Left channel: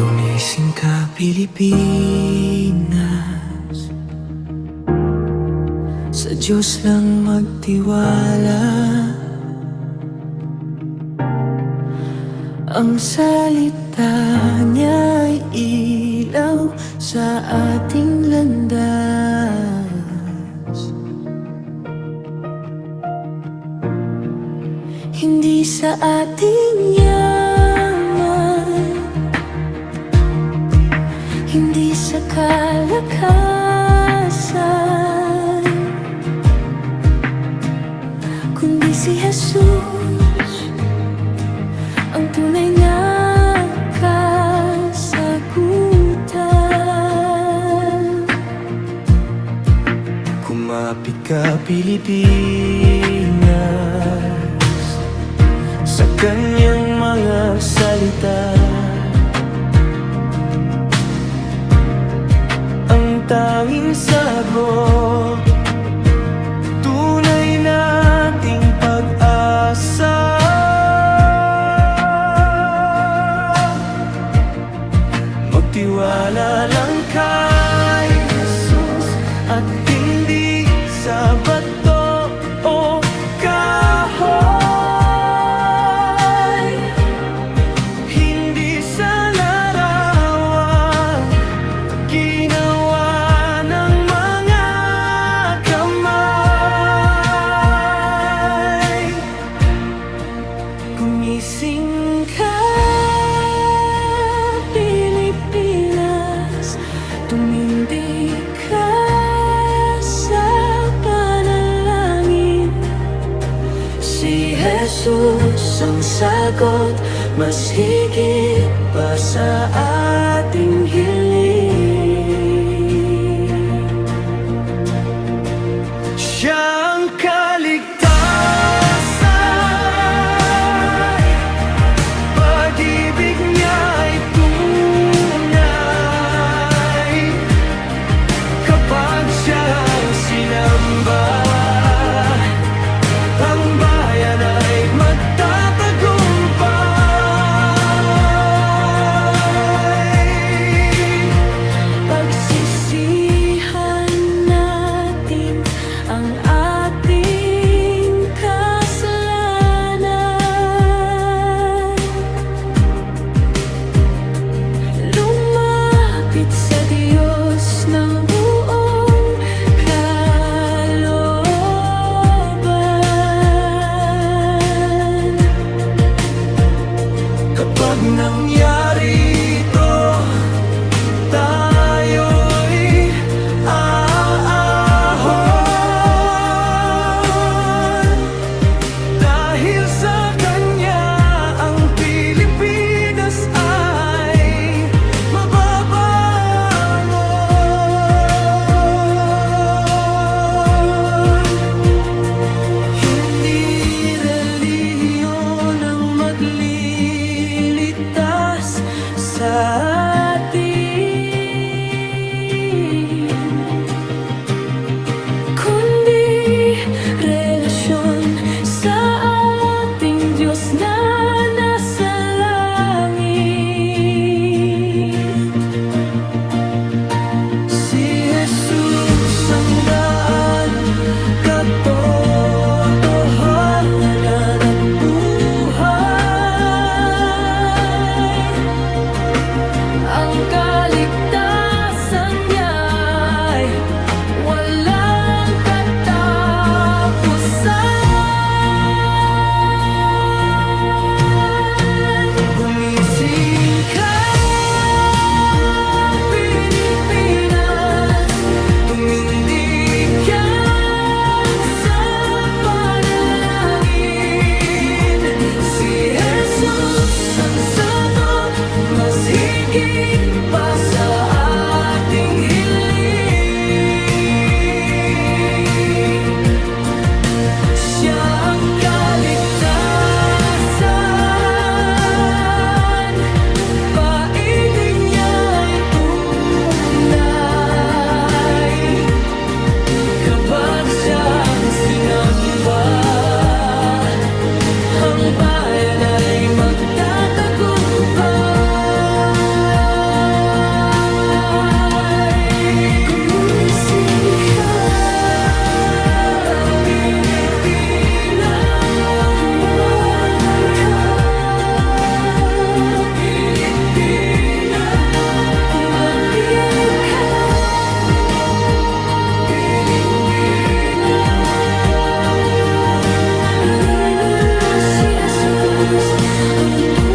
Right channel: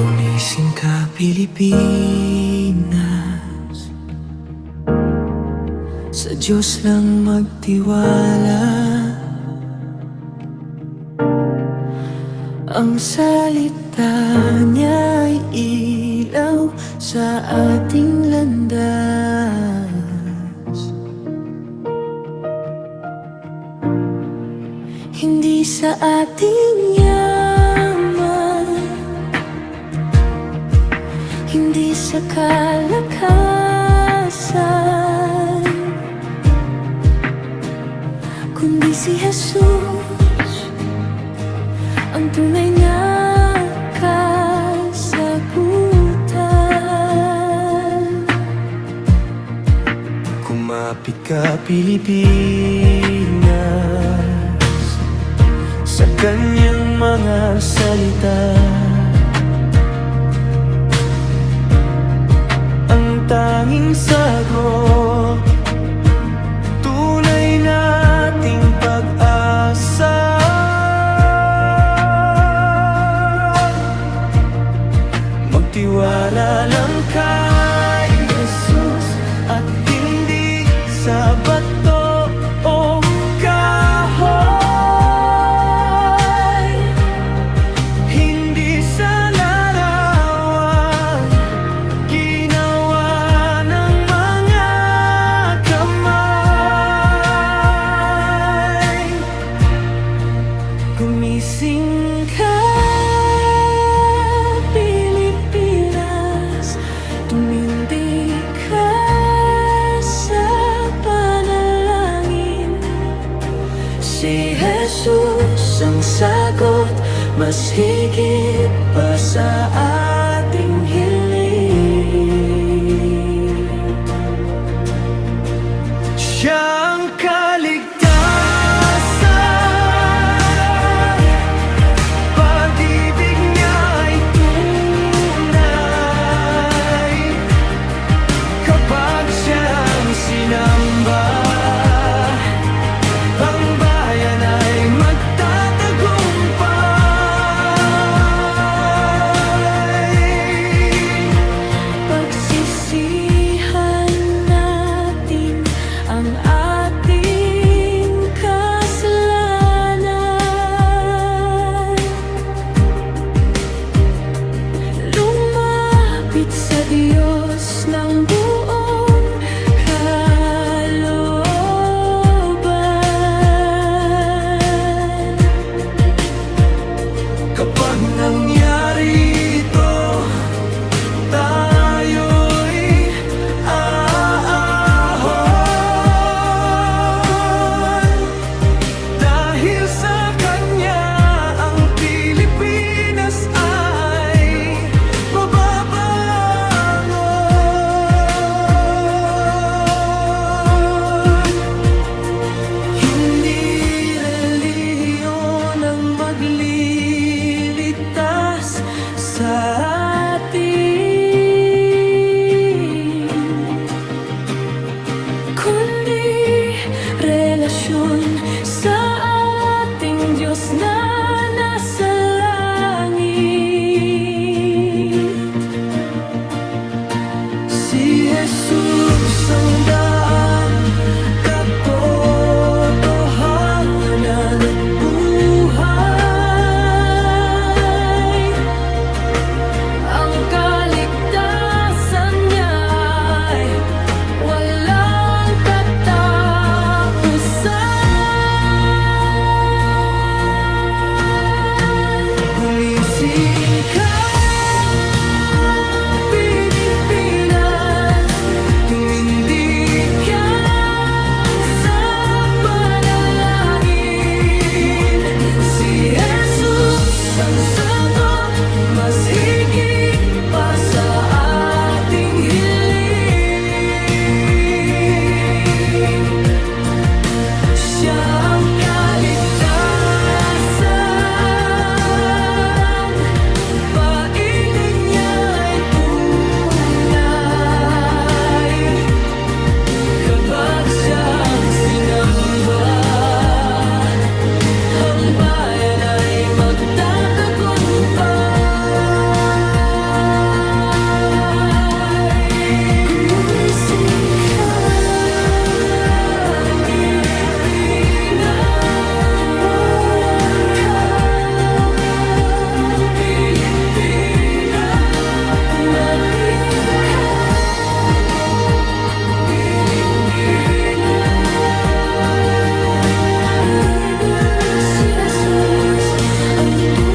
Gumising ka Pilipinas. Sa Diyos lang magtiwala. Ang salita niya ay ilaw sa ating landas. Hindi sa ating yaman sa kalakasan. Kundi si Jesus Ang tunay na kasagutan. Kumapit ka Pilipinas Sa kanyang mga salita tanging sagot Tunay nating pag-asa. Magtiwala lang kay Gumising ka, Pilipinas Tumindig ka sa panalangin. Si Jesus ang sagot Mas higit pa sa ating hiling. Siyang Jesus ang daan, katotohanan at buhay. Ang kaligtasan niya walang katapusan. muito